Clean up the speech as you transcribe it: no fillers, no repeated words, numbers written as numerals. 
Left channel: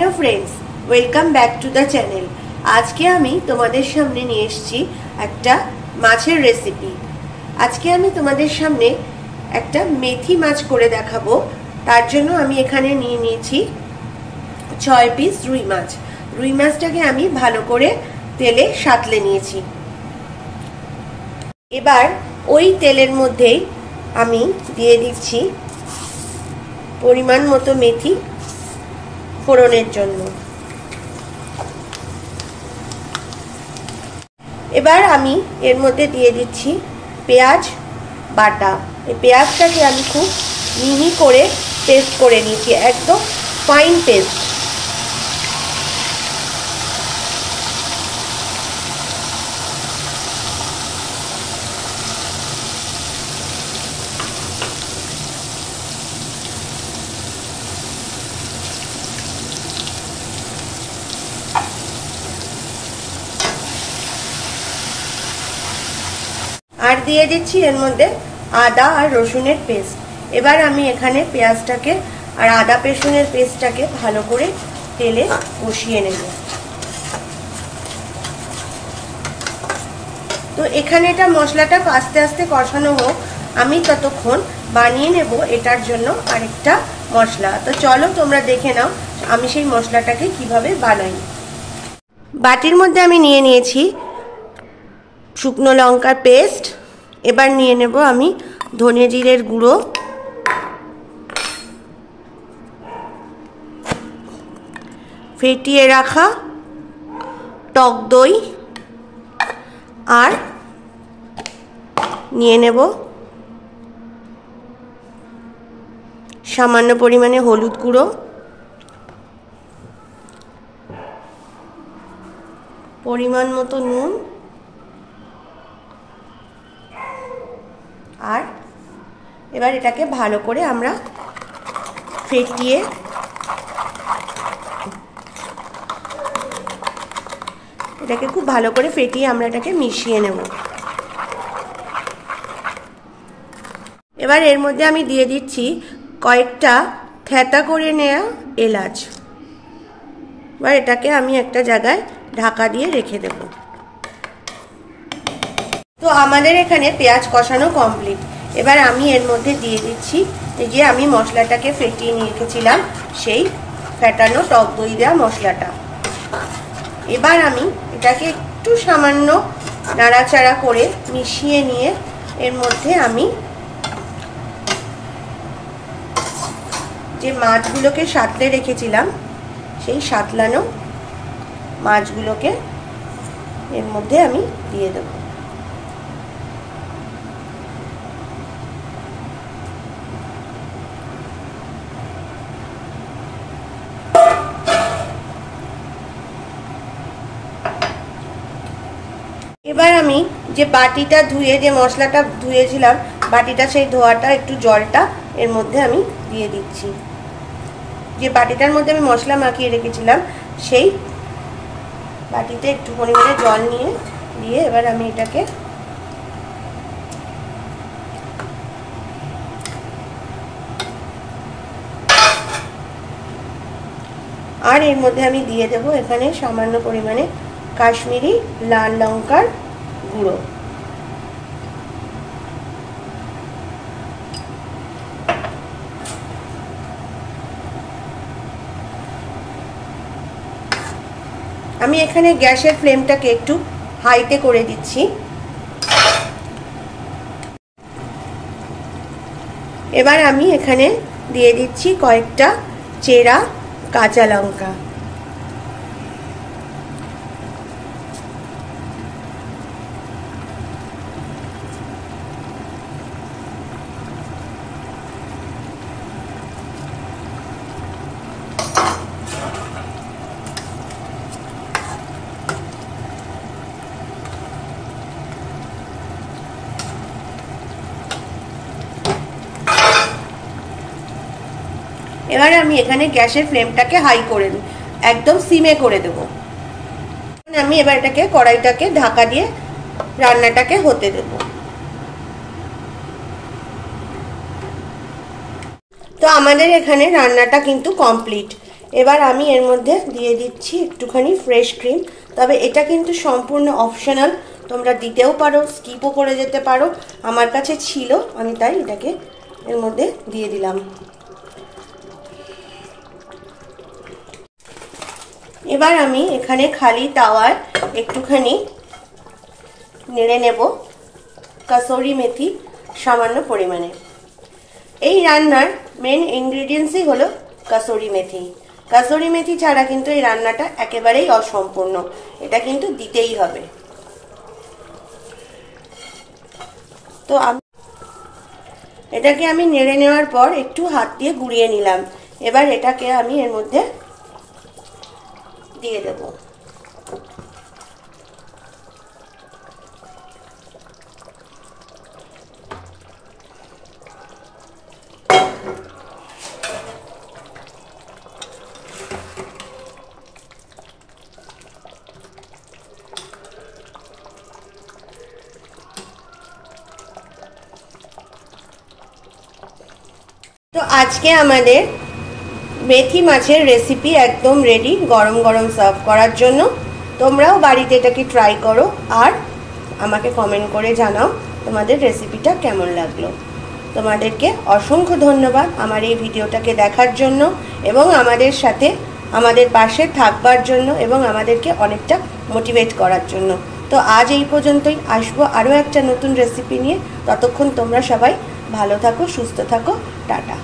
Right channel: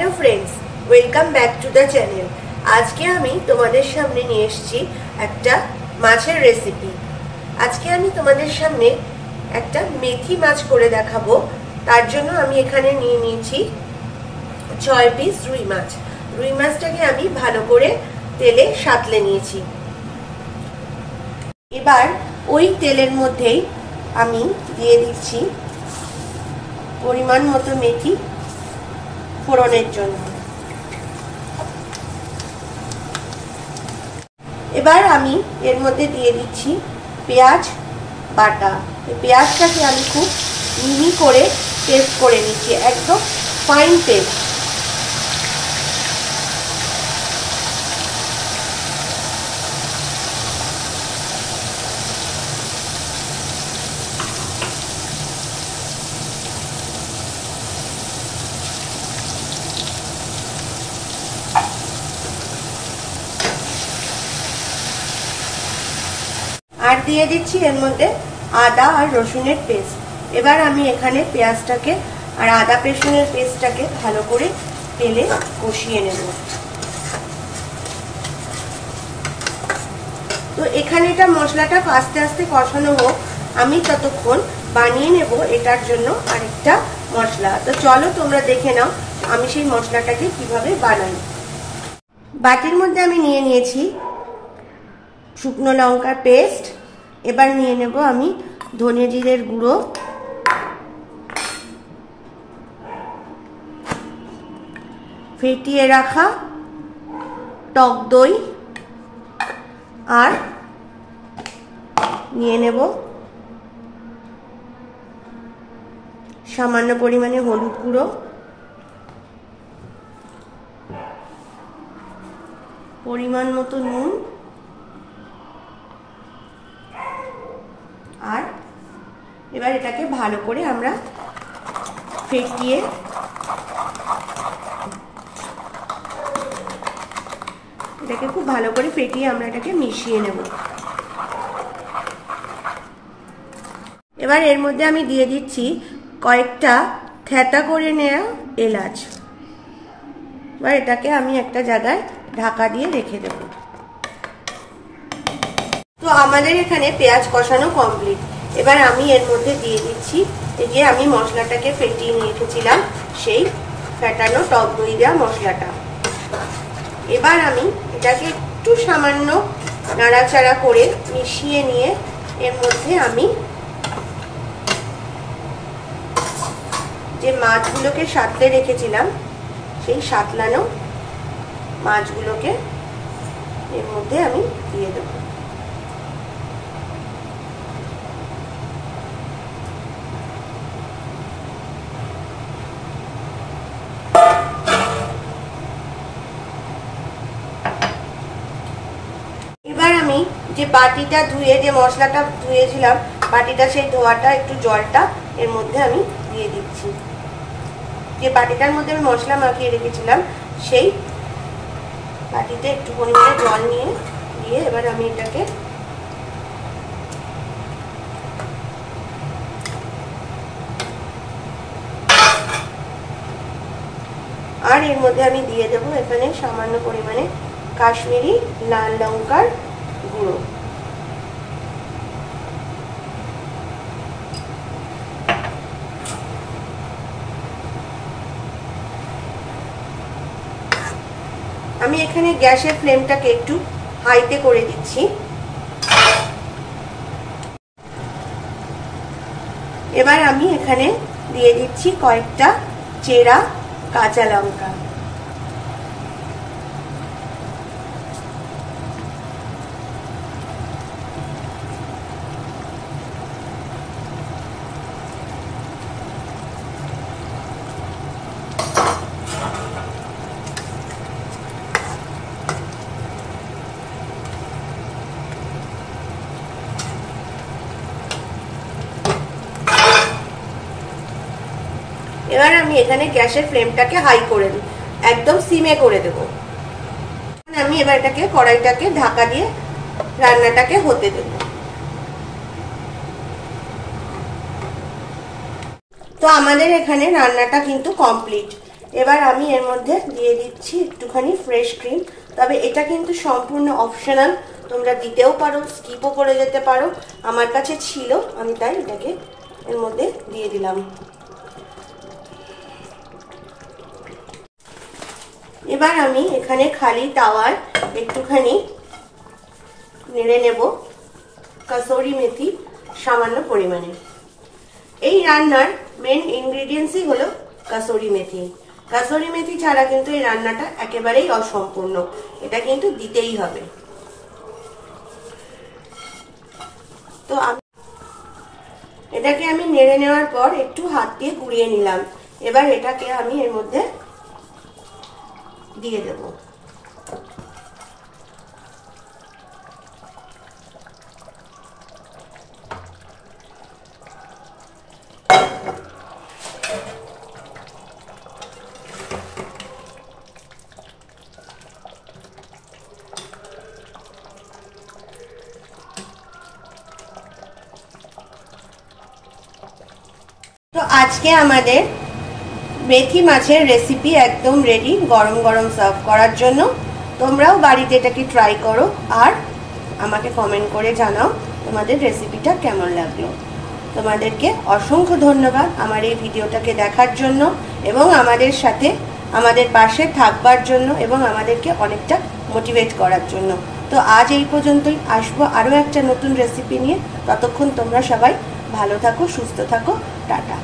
Hello friends, welcome back to the channel. आज के आमी तुम्हादेर सामने निये एसेछि एकटा माछेर रेसिपि। आज के आमी तुम्हादेर सामने एकटा मेथी माछ करे देखाबो। तार जोन्नो आमी एखाने निये नियेछि 6 पिस रुई माछ। रुई माछटाके आमी भालो करे तेले सातले नियेछि। एबार ओई तेलेर मध्येई आमी दिये दिচ্ছি परिमाण मतो मेथी फोड़নের জন্য। এবার আমি এর মধ্যে দিয়ে দিচ্ছি পেঁয়াজ বাটা। এই পেঁয়াজটাকে আমি খুব মিহি করে পেস্ট করে নিয়েছি, একদম ফাইন পেস্ট। আর দিয়ে দিচ্ছি এর মধ্যে আদা আর রসুনের পেস্ট। এবার আমি এখানে পেঁয়াজটাকে আর আদা রসুনের পেস্টটাকে ভালো করে তেলে কষিয়ে নেব। তো এখানে এটা মশলাটা আস্তে আস্তে কষানো হোক, আমি ততক্ষণ বানিয়ে নেব এটার জন্য আরেকটা মশলা। তো চলো তোমরা দেখে নাও আমি সেই মশলাটাকে কিভাবে বানাই। বাটির মধ্যে আমি নিয়ে নিয়েছি শুকনো লঙ্কার পেস্ট। এবার নিয়ে নেব আমি ধনে জিরের গুঁড়ো, ফেটিয়ে রাখা টক দই, আর নিয়ে নেব সামান্য পরিমাণে হলুদ গুঁড়ো, পরিমাণ মতো নুন, আর এবার এটাকে ভালো করে আমরা ফেটিয়ে এটাকে খুব ভালো করে ফেটিয়ে আমরা এটাকে মিশিয়ে নেব। এবার এর মধ্যে আমি দিয়ে দিচ্ছি কয়েকটা থেঁতা করে নেওয়া এলাচ। এবার এটাকে আমি একটা জায়গায় ঢাকা দিয়ে রেখে দেব। তো আমাদের এখানে পেঁয়াজ কষানো কমপ্লিট। এবার আমি এর মধ্যে দিয়ে দিচ্ছি যে আমি মশলাটাকে ফেটিয়ে নিয়ে রেখেছিলাম, সেই ফেটানো টক দই দেওয়া মশলাটা। এবার আমি এটাকে একটু সামান্য নাড়াচাড়া করে মিশিয়ে নিয়ে এর মধ্যে আমি যে মাছগুলোকে সাঁতলে রেখেছিলাম সেই সাঁতলানো মাছগুলোকে এর মধ্যে আমি দিয়ে দেবো। এবার আমি যে বাটিটা ধুয়ে যে মশলাটা ধুয়েছিলাম বাটিটা, সেই ধোয়াটা একটু জলটা এর মধ্যে আমি দিয়ে দিচ্ছি। যে বাটিটার মধ্যে আমি মশলা মাখিয়ে রেখেছিলাম সেই বাটিতে একটু পরিমাণে জল দিয়ে এবার আমি এটাকে আর এর মধ্যে আমি দিয়ে দেব এখানে সামান্য পরিমাণে কাশ্মীরি লাল লঙ্কার গুঁড়ো। আমি এখানে গ্যাসের ফ্লেমটাকে একটু হাইতে করে দিচ্ছি। এবার আমি এখানে দিয়ে দিচ্ছি কয়েকটা চেরা কাঁচা লঙ্কা। এবার আমি এখানে গ্যাসের ফ্লেমটাকে হাই করে দেব, একদম সিমে করে দেব। আমি এবার এটাকে কড়াইটাকে ঢাকা দিয়ে রান্নাটাকে হতে দেব। তো আমাদের এখানে রান্নাটা কিন্তু কমপ্লিট। এবার আমি এর মধ্যে দিয়ে দিচ্ছি একটুখানি ফ্রেশ ক্রিম। তবে এটা কিন্তু সম্পূর্ণ অপশনাল, তোমরা দিতেও পারো, স্কিপও করে যেতে পারো। আমার কাছে ছিল, আমি তাই এটাকে এর মধ্যে দিয়ে দিলাম। এবার আমি এখানে খালি তাওয়ায় একটুখানি নেড়ে নেব কাসুরি মেথি সামান্য পরিমাণে। এই রান্নার মেন ইনগ্রেডিয়েন্টসই হলো কাসুরি মেথি। কাসুরি মেথি ছাড়া কিন্তু এই রান্নাটা একেবারেই অসম্পূর্ণ, এটা কিন্তু দিতেই হবে। তো এটাকে আমি নেড়ে নেওয়ার পর একটু হাত দিয়ে গুঁড়িয়ে নিলাম। এবার এটাকে আমি এর মধ্যে দিয়ে দেব। তো আজকে আমাদের মেথি মাছের রেসিপি একদম রেডি, গরম গরম সার্ভ করার জন্য। তোমরাও বাড়িতে এটাকে ট্রাই করো আর আমাকে কমেন্ট করে জানাও তোমাদের রেসিপিটা কেমন লাগলো। তোমাদেরকে অসংখ্য ধন্যবাদ আমার এই ভিডিওটাকে দেখার জন্য এবং আমাদের সাথে আমাদের পাশে থাকবার জন্য এবং আমাদেরকে অনেকটা মোটিভেট করার জন্য। তো আজ এই পর্যন্তই, আসবো আরও একটা নতুন রেসিপি নিয়ে। ততক্ষণ তোমরা সবাই ভালো থাকো, সুস্থ থাকো, টাটা।